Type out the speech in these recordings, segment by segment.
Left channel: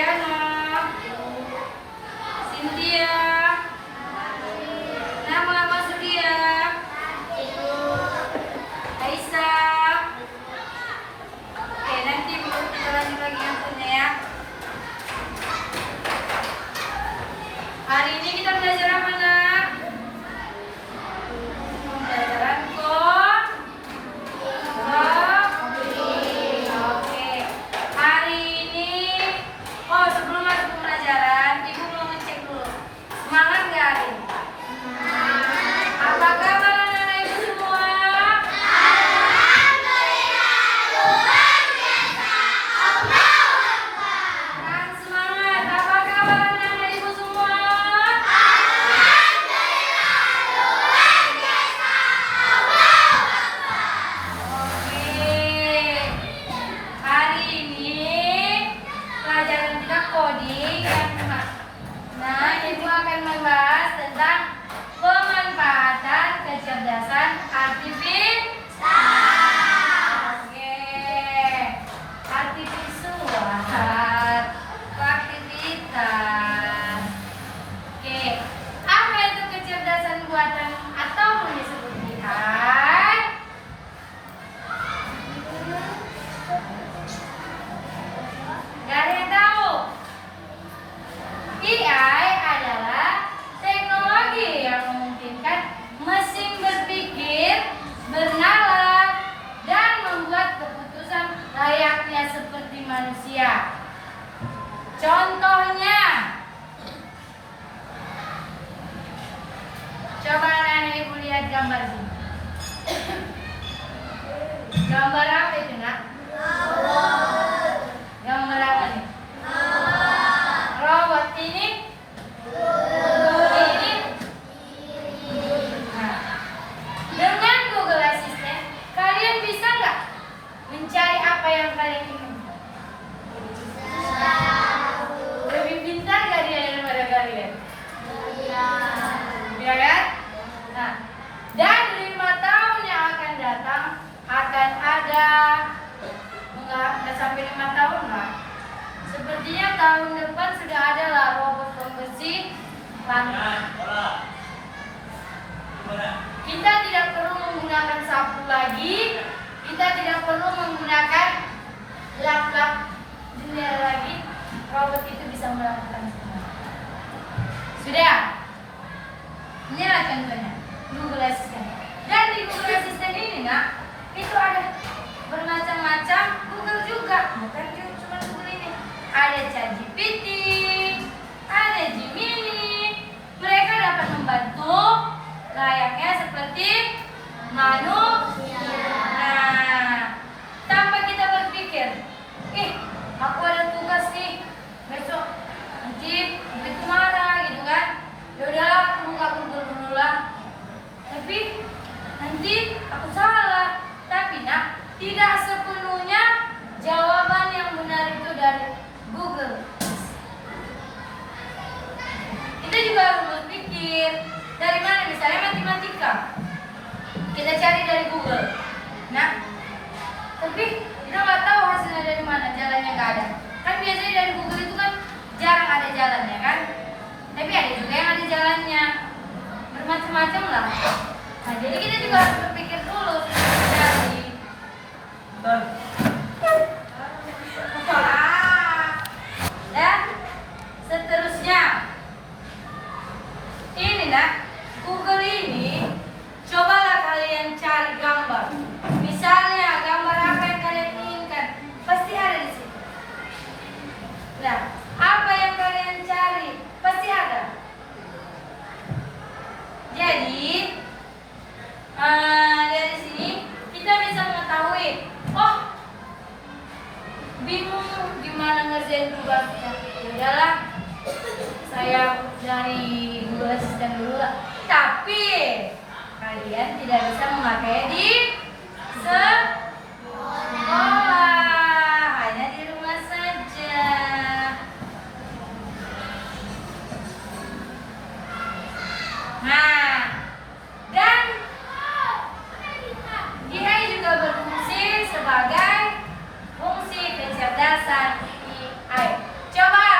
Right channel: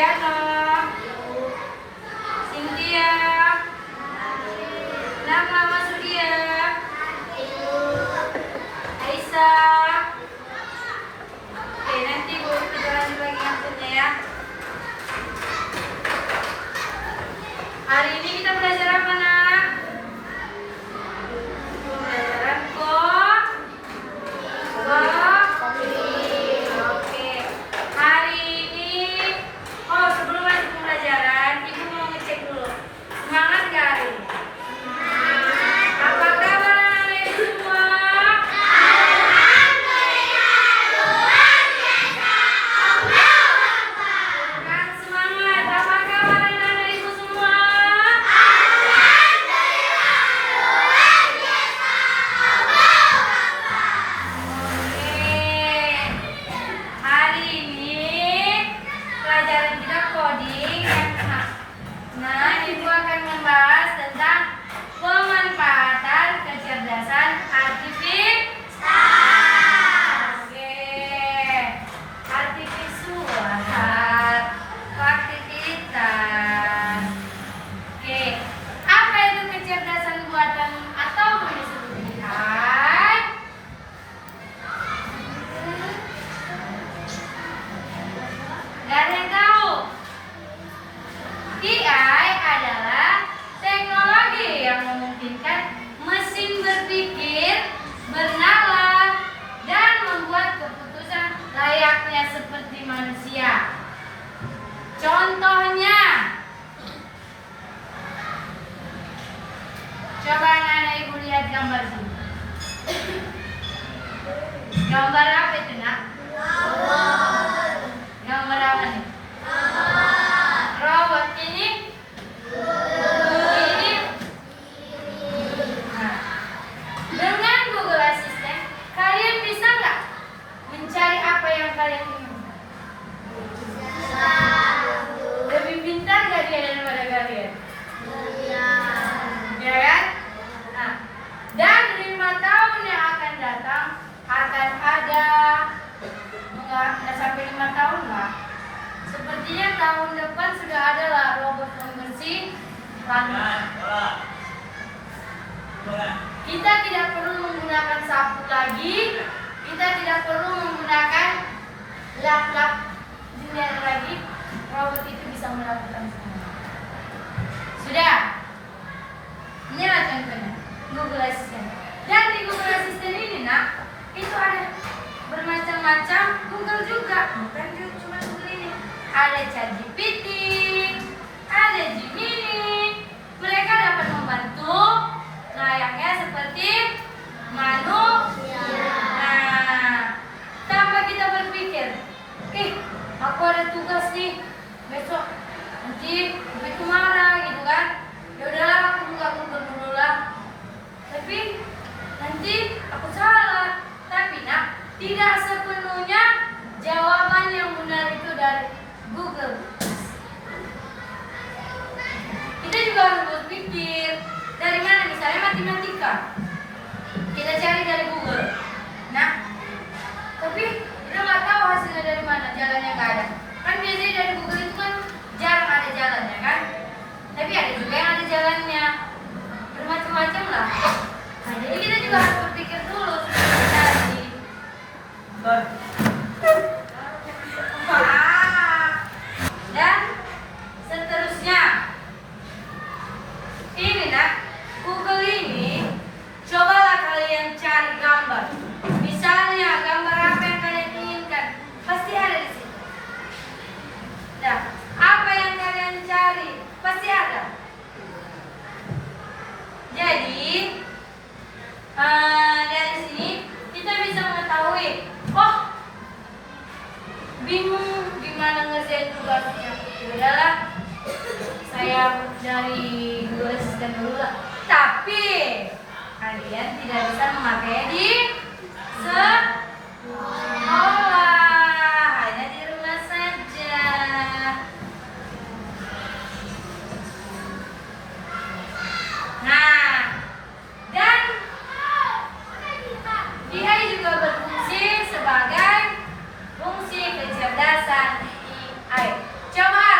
Diana, Cynthia, nama Surya, Aisyah. Oke, nanti Bu kita lanjut lagi ngantunnya ya. Hari ini kita belajar apa, Nak? Pembelajaran Oke. Hari ini, sebelum masuk pembelajaran, Ibu mau ngecek dulu. Semangat nggak hari ini? Apa kabar anak-anak semua? Semangat. Apa kabar anak-anak ibu semua? Hari ini pelajaran kita coding yang kena. Nah, ibu akan membahas tentang pemanfaatan kecerdasan artifisial. Oke, artifisial, aktivitas. Oke, apa itu kecerdasan buatan atau disebut AI? Gak ada yang tahu. AI adalah teknologi yang memungkinkan mesin berpikir, bernalar, dan membuat keputusan layaknya seperti manusia. Contohnya, coba anak-anak ibu lihat gambar ini. Gambar apa itu, Nak? Gambar apa nih? Robot ini. Nah, dengan Google Assistant, kalian bisa nggak mencari apa yang kalian inginkan? Lebih pintar nggak dia daripada kalian? Ya kan? Nah, dan 5 tahun yang akan datang akan ada enggak sampai 5 tahun lah. Sepertinya tahun depan sudah ada lah robot pembersih langit. Kita tidak perlu menggunakan sapu lagi, kita tidak perlu menggunakan lap-lap dunia lagi. Robot itu bisa melakukan semua. Sudah. Inilah contohnya Google Assistant. Dan di Google Assistant ini, Nak, itu ada bermacam-macam Google juga, bukan cuma Google ini. Ada ChatGPT, ada Gemini. Mereka dapat membantu layaknya seperti manusia. Nah, tanpa kita berpikir, aku ada tugas nih besok, nanti itu marah gitu kan. Ya udahlah, aku buka Google dulu lah. Tapi nanti aku salah. Tapi Nak, tidak sepenuhnya jawaban yang benar itu dari Google. Kita juga harus berpikir dari mana, misalnya matematika. Kita cari dari Google. Nah, tapi kita nggak tahu hasilnya dari mana, jalannya nggak ada. Kan biasanya dari Google itu kan jarang ada jalannya kan. Tapi ada juga yang ada jalannya. Bermacam-macam lah. Nah, jadi kita juga harus berpikir dulu sebelum cari. Dan seterusnya. Ini, Nak, Google ini, cobalah kalian cari gambar. Misalnya gambar apa yang kalian inginkan, pasti ada di sini. Nah, apa yang kalian cari pasti ada. Jadi dari sini kita bisa mengetahui, bingung gimana ngerjain tugasnya. Udahlah, saya dari Google Assistant dulu lah. Tapi kalian tidak bisa memakai di sekolah, hanya di rumah saja. Nah, dan dia juga berfungsi sebagai fungsi kecerdasan AI. Coba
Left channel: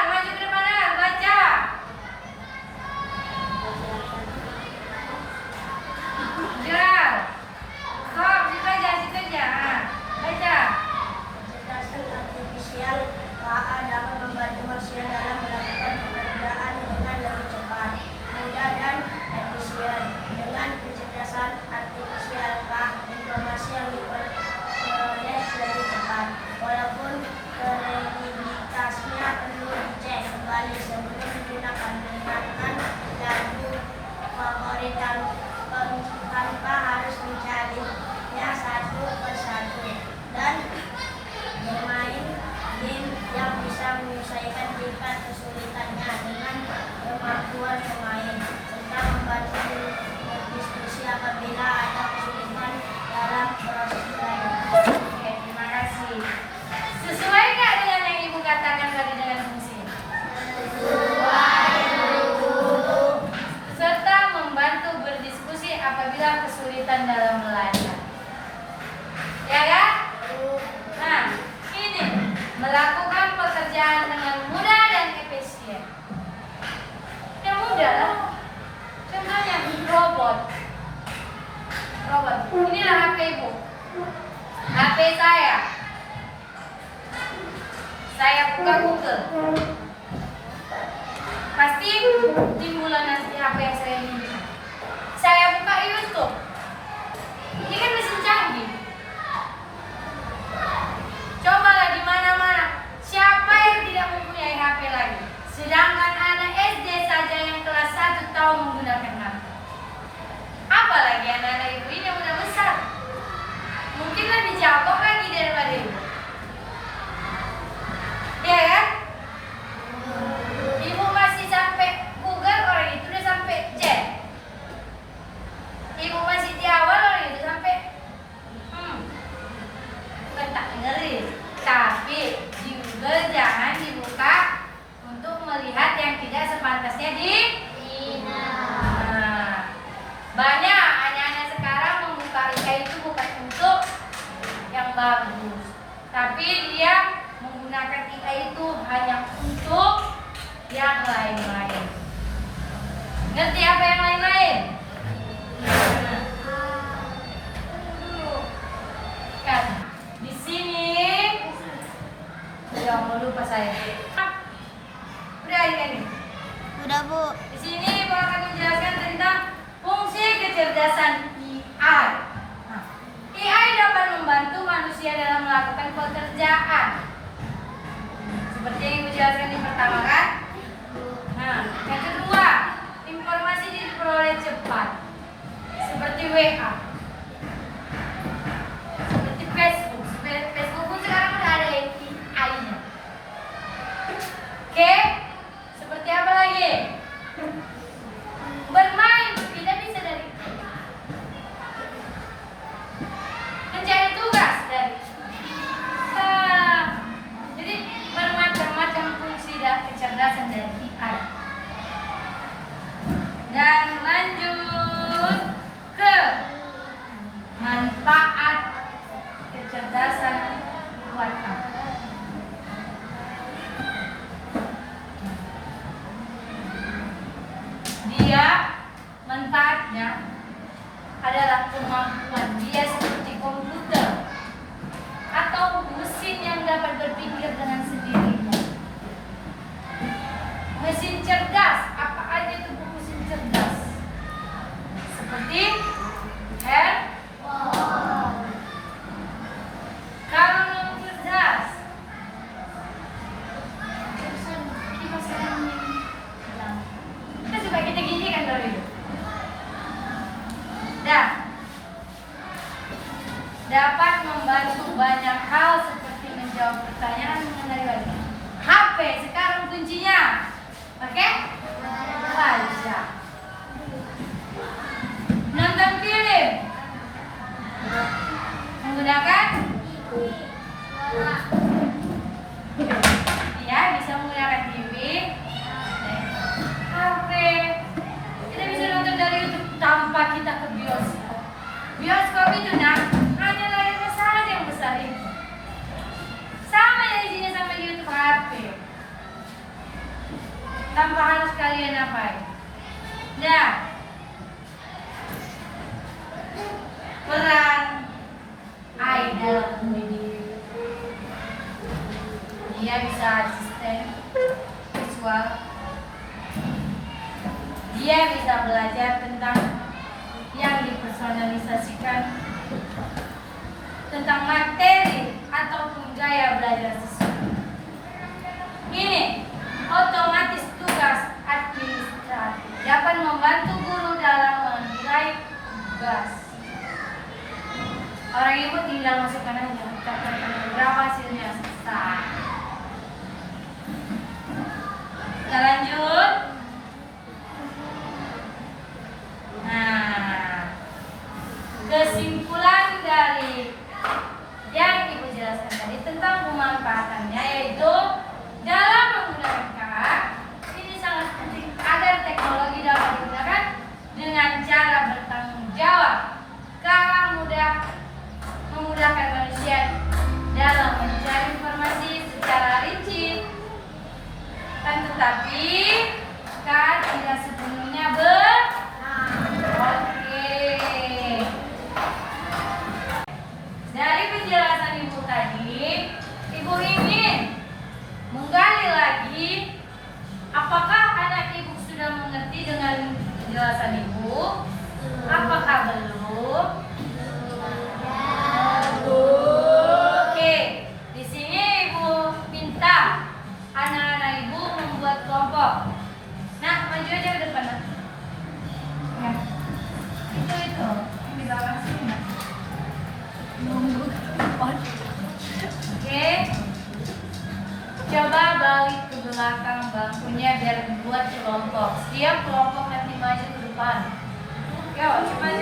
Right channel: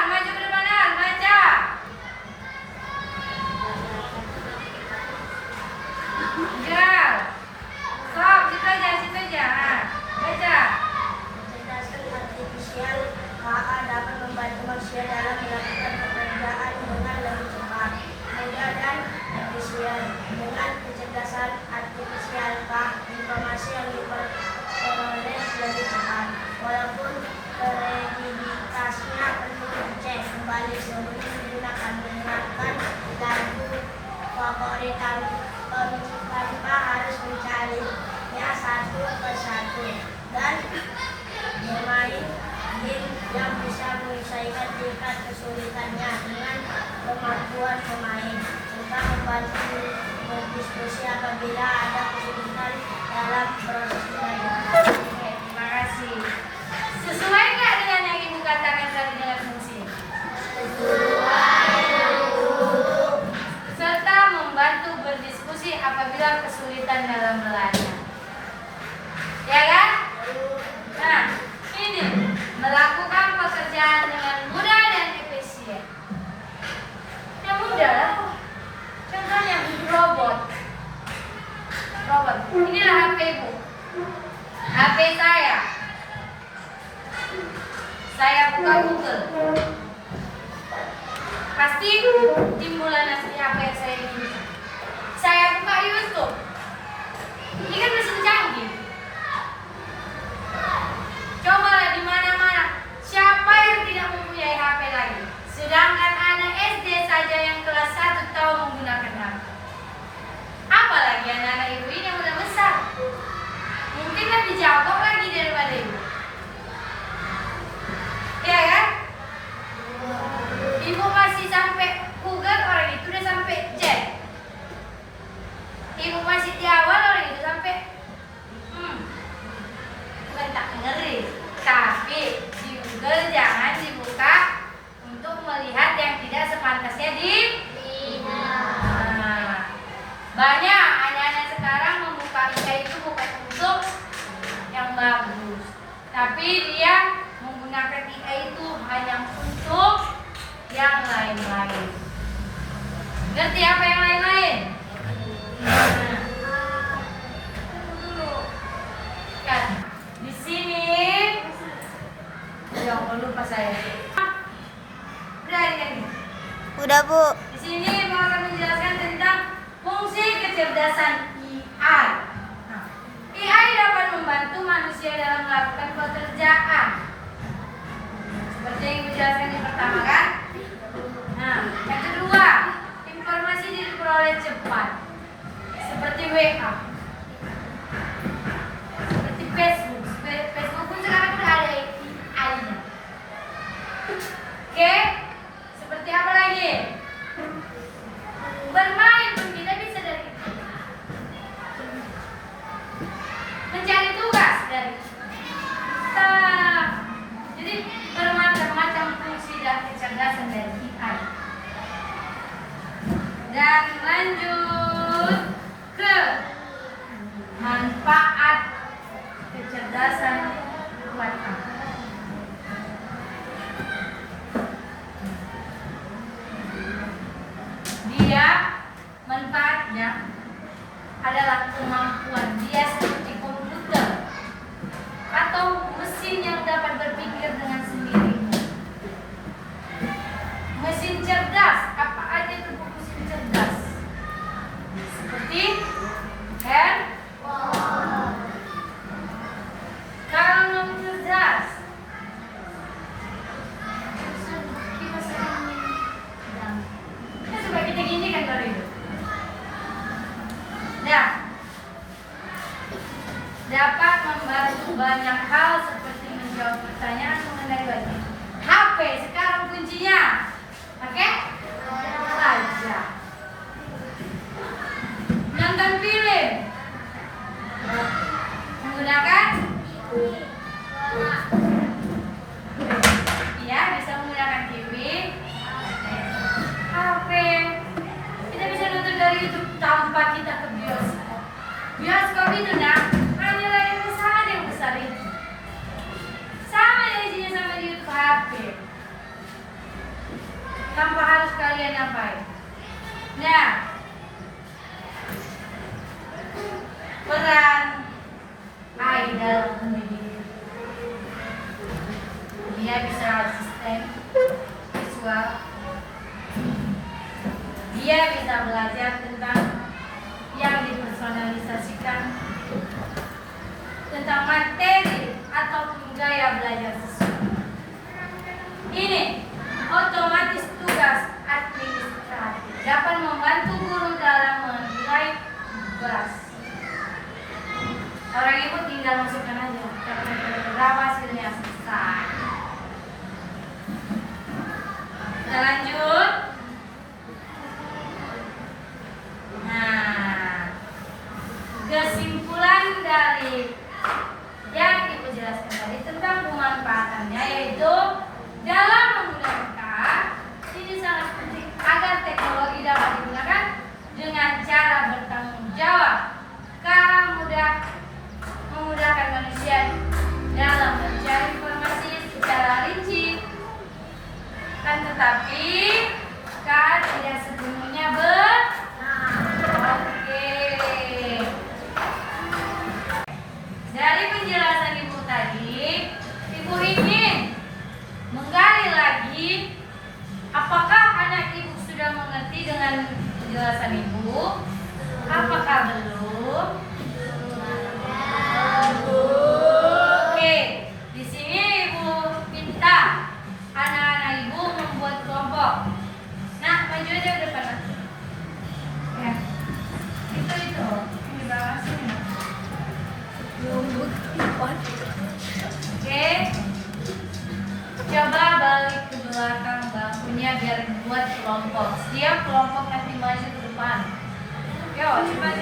buat pemain serta membantu berdiskusi apabila ada kesulitan dalam proses belajar. Oke, terima kasih. Sesuai nggak dengan yang Ibu katakan tadi dengan fungsi? Serta membantu berdiskusi apabila kesulitan dalam belajar. Ya kan? Nah, ini melakukan pekerjaan dengan mudah dan efisien. Yang mudah, contohnya robot. Inilah HP Ibu. HP saya. Saya buka Google. Pasti timbulan nanti apa yang saya inginkan. Saya buka YouTube. Ini kan mesin canggih. Cobalah di mana-mana. Siapa yang tidak mempunyai HP lagi? Sedangkan anak SD saja yang kelas 1 tahu menggunakan HP. Apalagi anak-anak ibu ini yang udah besar. Mungkin lebih jago lagi daripada ibu. Ya kan? Ibu masih sampai Google, orang itu udah sampai Z. Ibu masih di awal, orang itu sampai bukan tak ngeri, tapi di Google jangan dibuka untuk melihat yang tidak sepantasnya banyak anak-anak sekarang membuka IA itu bukan untuk yang bagus, tapi dia menggunakan IA itu hanya untuk yang lain-lain. Ngerti apa yang lain-lain? Kan di sini jangan lupa saya. Udah ini. Udah, Bu. Di sini Ibu akan menjelaskan tentang fungsi kecerdasan AI. Nah, AI dapat membantu manusia dalam melakukan pekerjaan. Seperti yang Ibu jelaskan di pertama kan? Nah, yang kedua, informasi diperoleh cepat. Seperti WA. Seperti Facebook. Facebook pun sekarang udah ada AI-nya. Oke? Seperti apa lagi? Bermain pun kita bisa dari itu. Mencari tugas dari jadi bermacam-macam fungsi dan kecerdasan dari AI. Dan lanjut ke manfaat kecerdasan buatan. Dia manfaatnya adalah kemampuan dia seperti komputer atau mesin yang dapat berpikir dengan sendirinya. Mesin cerdas, apa aja itu mesin cerdas? Seperti handphone. Kalau cerdas, kita coba kita gini kan baru itu. Dah. Dapat membantu banyak hal seperti menjawab pertanyaan mengenai wajah. HP sekarang kuncinya pakai wajah. Nonton film menggunakan ya, bisa menggunakan TV, HP. Kita bisa nonton dari YouTube tanpa kita ke bioskop. Bioskop itu hanya layar besar aja yang besar itu. Sama ya isinya sama di YouTube HP. Tanpa harus kalian apain. Nah, peran AI dalam mendidik. Dia bisa asisten visual. Dia bisa belajar tentang yang dipersonalisasikan, tentang materi ataupun gaya belajar sesuai. Ini otomatis tugas administratif dapat membantu guru dalam menilai tugas. Orang ibu tinggal masukkan aja berapa hasilnya selesai. Kita lanjut. Coba balik ke belakang bangkunya biar dibuat kelompok. Setiap kelompok nanti maju ke depan. Yo, cepat.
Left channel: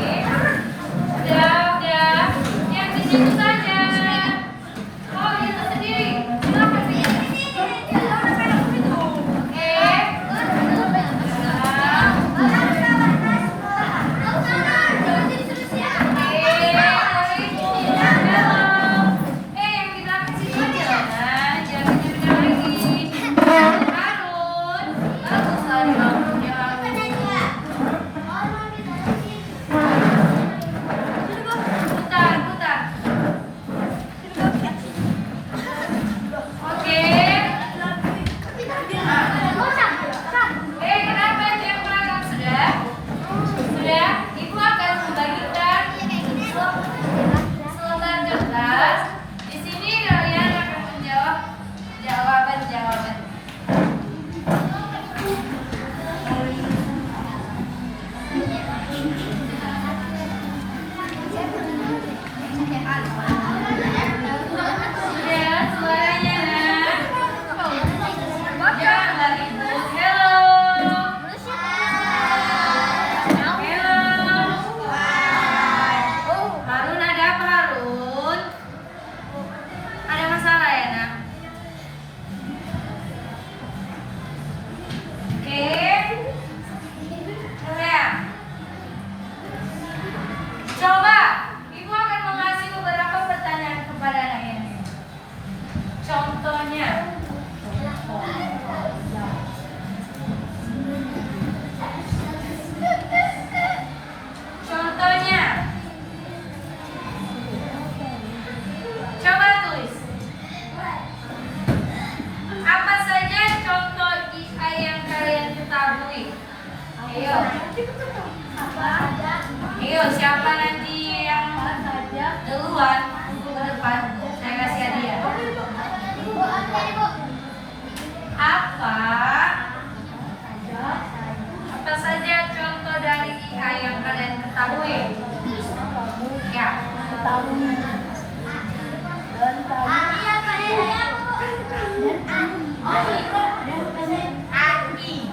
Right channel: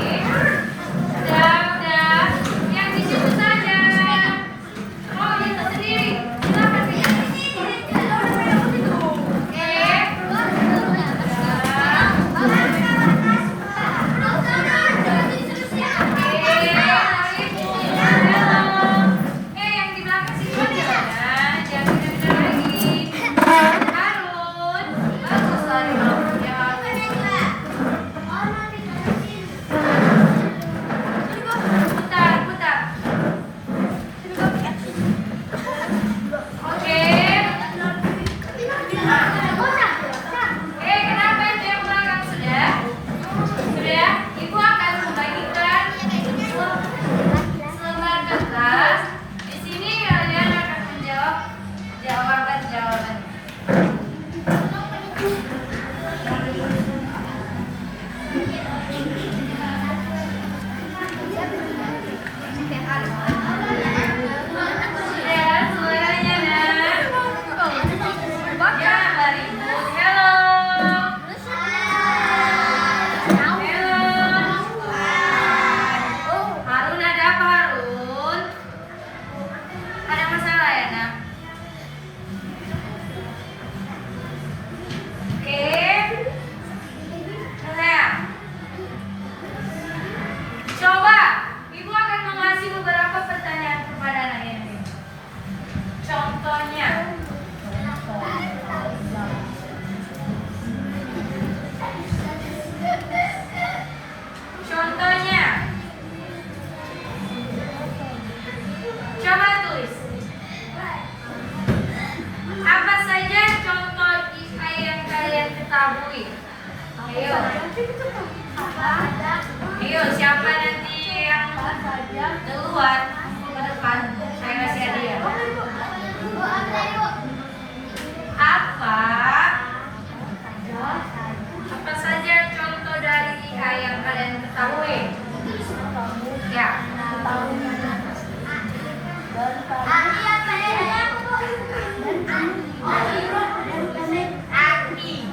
Iya. Udah. Yang di situ saja. Oh, itu sendiri. Silakan yang di belakang situ aja. Jangan pindah lagi. Harun, bagus sekali kamu ya Harun. Putar. Oke. Kenapa itu yang belakang sudah? Sudah? Ibu akan membagikan selembar kertas. Di sini kalian akan menjawab jawaban. Ya, suaranya nak. Jangan ribut. Hello. Harun, ada apa Harun? Ada masalah ya nak? Oke. Sayang. Coba, Ibu akan mengasih beberapa pertanyaan kepada anak ini. Contohnya. Coba tulis. Apa saja contoh IPA yang kalian ketahui? Ayo, siapa nanti yang duluan ke depan? Saya kasih hadiah. Apa saja contoh dari IPA yang kalian ketahui? Ya. Aki.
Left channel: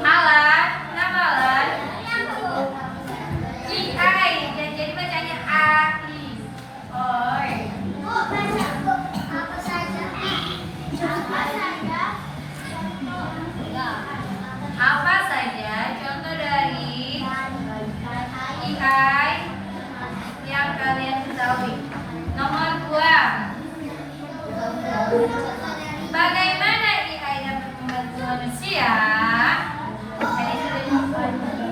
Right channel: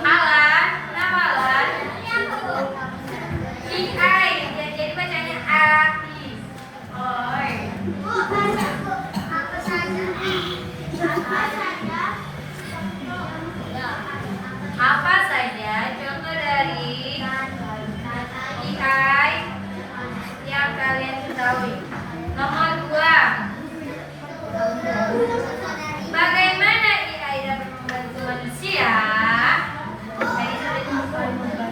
Alan, kenapa Alan? IAI, jadi bacanya Aki. Oi. Apa saja contoh dari IAI yang kalian ketahui? Nomor 2. Bagaimana IAI dapat membantu manusia?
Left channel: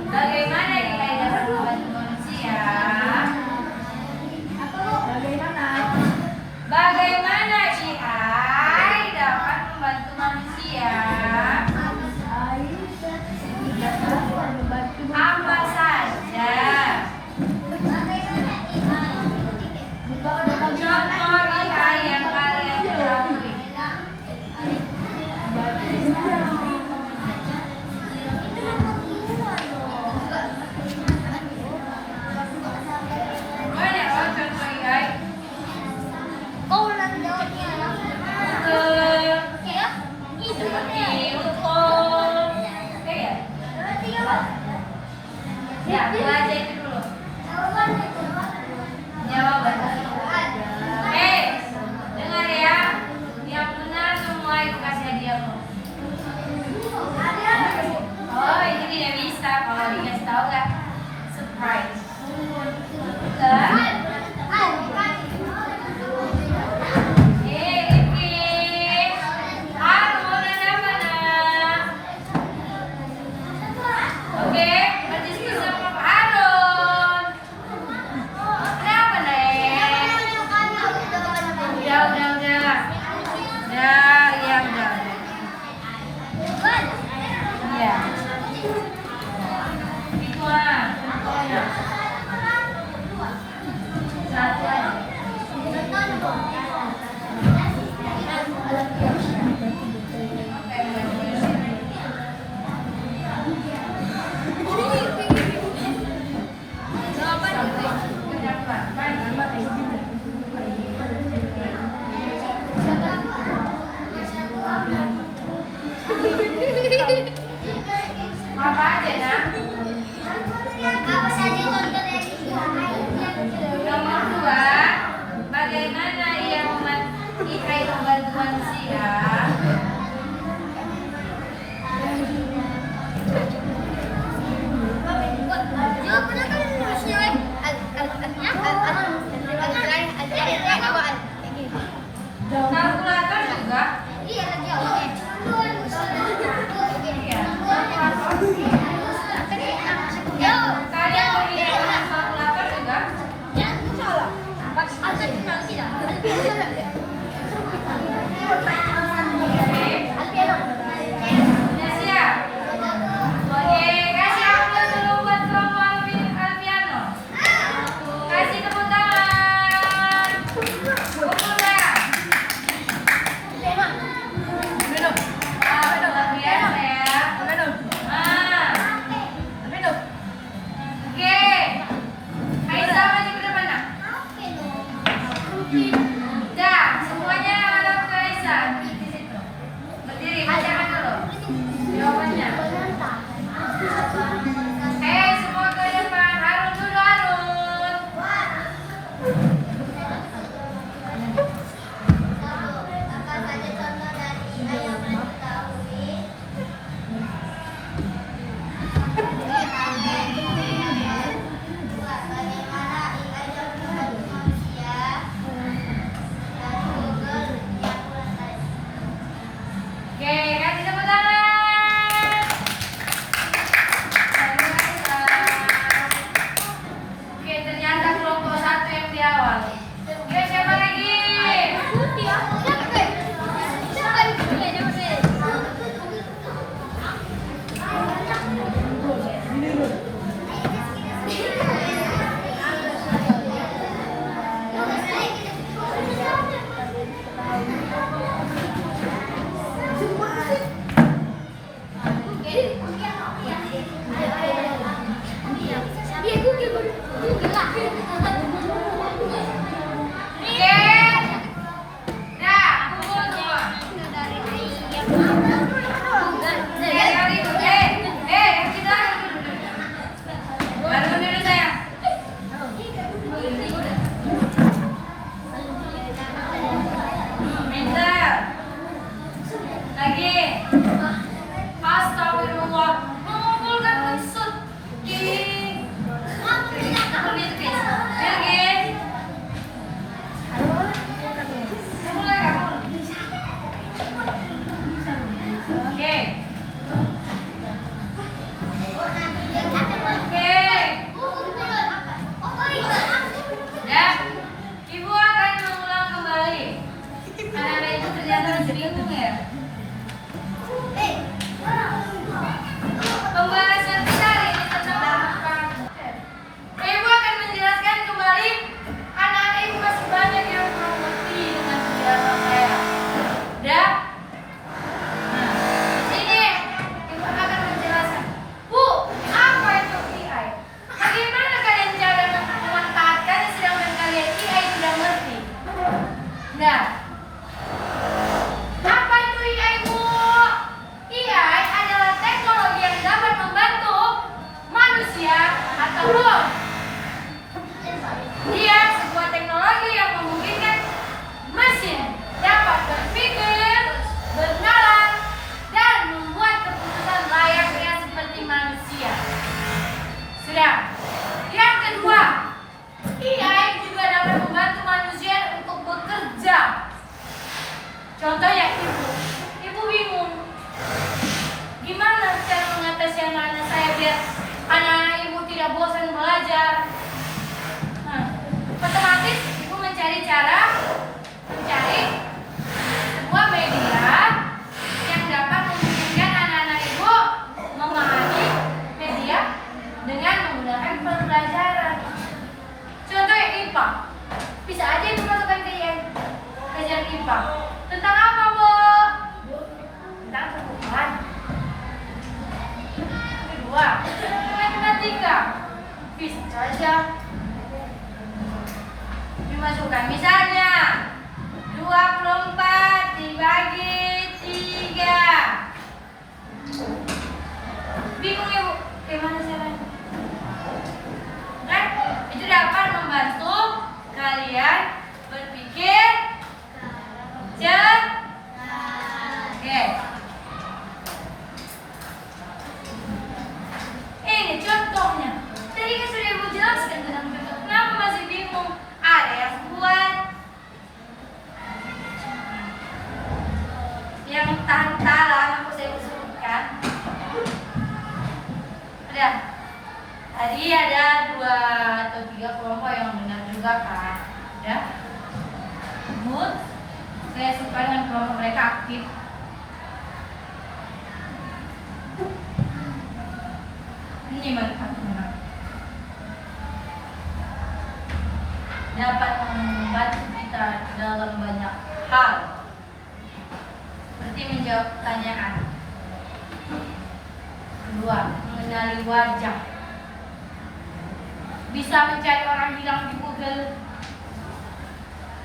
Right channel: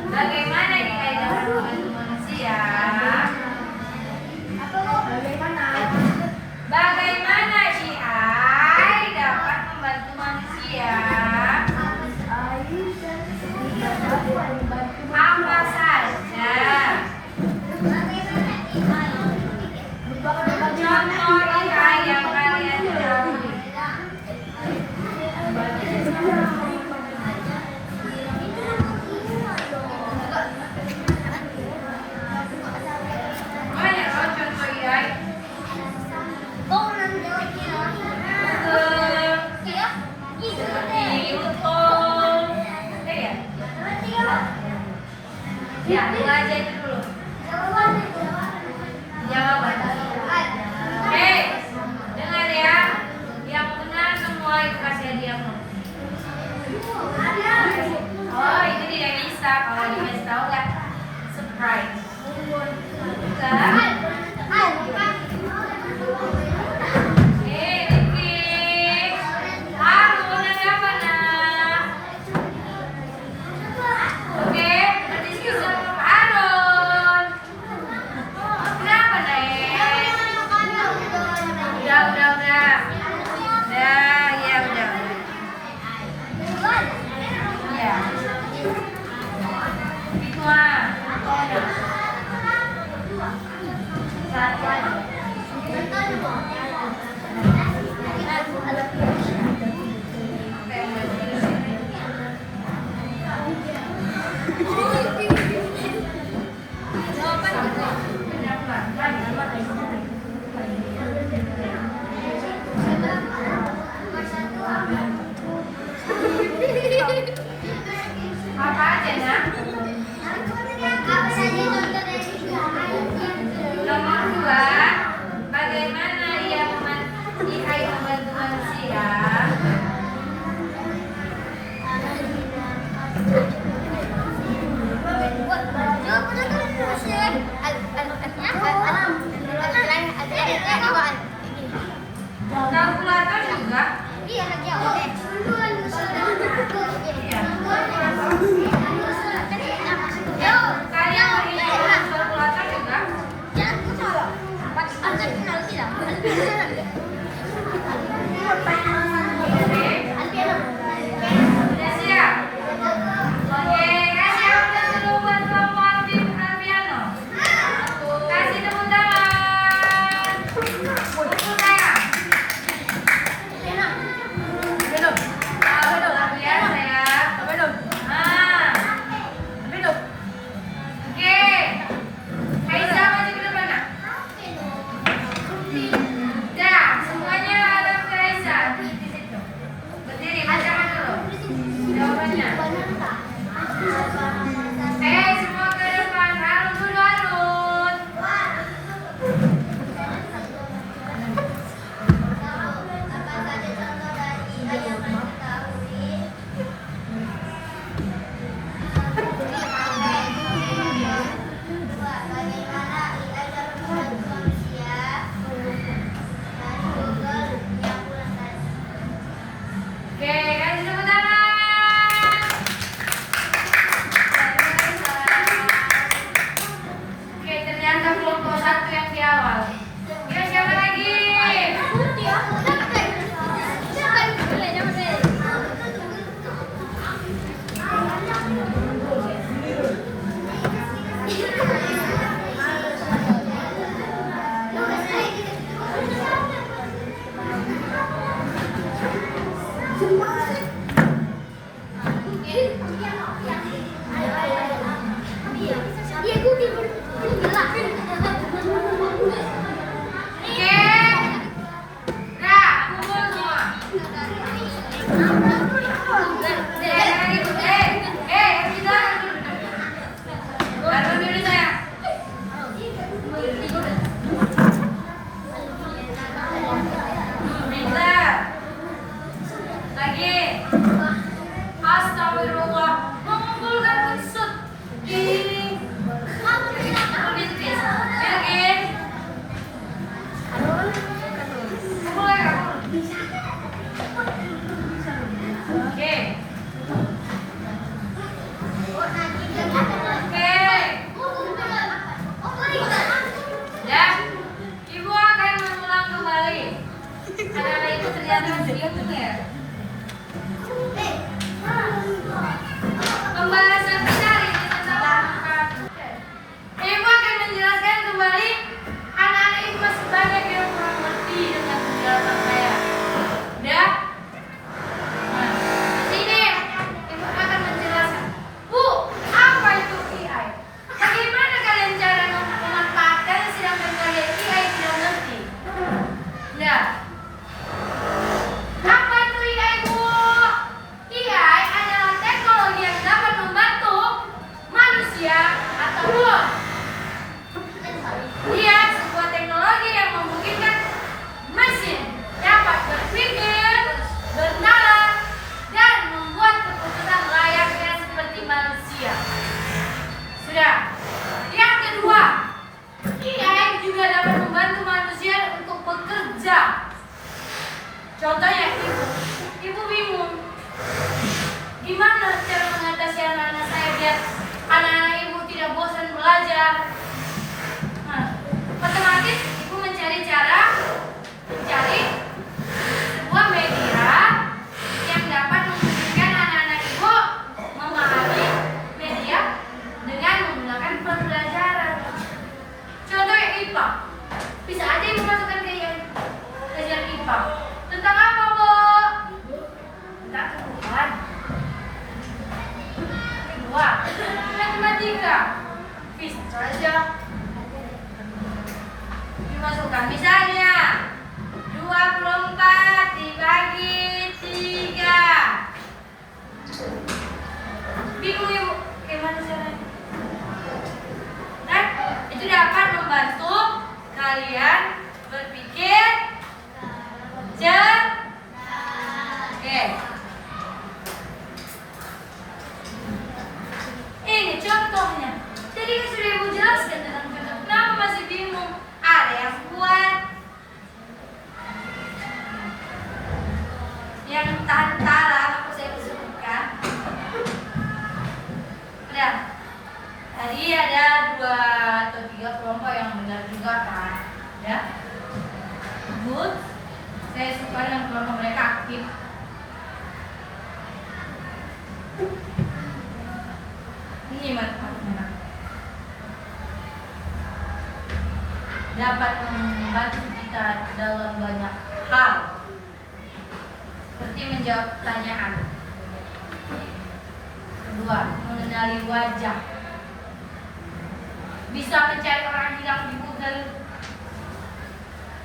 Bagaimana IAI dapat membantu manusia? Bagaimana IAI dapat membantu manusia? Apa saja? Contoh IAI yang kalian ketahui. Astagfirullah, mengumpulkan unsur di politis. Oke. Ya, Ibu akan mengulang kembali. Karena itu ternyata bingung ya. Pembahasan besar ini tentang Ibu akan menjelaskan kembali. Anak-anak Ibu masih banyak yang kurang mengerti dengan penjelasan saya. Udah? Nah, sini Ibu akan menjelaskan. Bu, apa itu AI? Bagaimana kalian cara memanfaatkan sedangkan kalian AI tidak mengerti? Nah, apa itu AI, Bu? AI adalah teknologi yang dapat membantu manusia atau bot. Dia sebuah teknologi yang memungkinkan mesin dapat berpikir, bernalar, dan membuat keputusan layaknya seperti manusia. Sudah. Yang kedua, AI juga dapat membantu manusia untuk bekerja. Contohnya Ibu bingung. Gimana cara mengatasi anak-anak saya biar anak-anak Ibu tidak bosan belajar? Nah, otomatis Ibu mencari sebuah media yang dapat memungkinkan anak-anak Ibu memahami media dengan menggunakan pembelajaran. Contohnya IPA. Bisa aja Ibu masukkan ke yang belajar IPA. Tentang apa, Bu? Tentang tumbuhan. Kedua, matematika. Bisa saja dimasukkan. Misalnya 24 dibagi 3. Bingung Ibu, gimana caranya? Nah, itu dapat membantu kalian berpikir cerdas. Oke. Ini contohnya. Tadi kan sudah Ibu jelaskan tentang contoh. Kenapa masih bingung? Ada yang buat yang tantalan aku saya sebutkan. Udah. Tadi ada 2 atau 3 kelompok yang benar juga kan. Udah. Good. Saya suka dengan kelompok mereka aktif. Ini manfaatnya. Dapat membantu kita dalam banyak hal. Seperti menjawab pertanyaan. Kedua, mengenali wajah. Bisa mencari orang hilang di Google.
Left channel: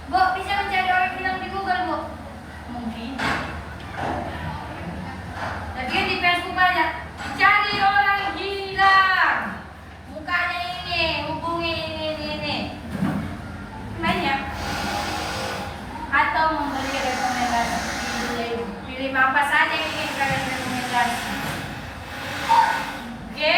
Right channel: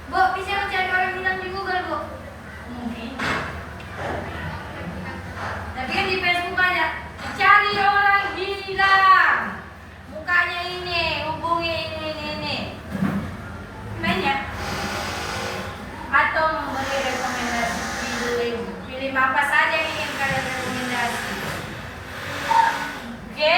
Bu, bisa mencari orang hilang di Google, Bu? Mungkin. Tapi kan di Facebook banyak. Cari orang hilang. Mukanya ini, hubungi ini. Banyak. Atau memberi rekomendasi. Pilih apa saja yang ingin kalian rekomendasi. Oke?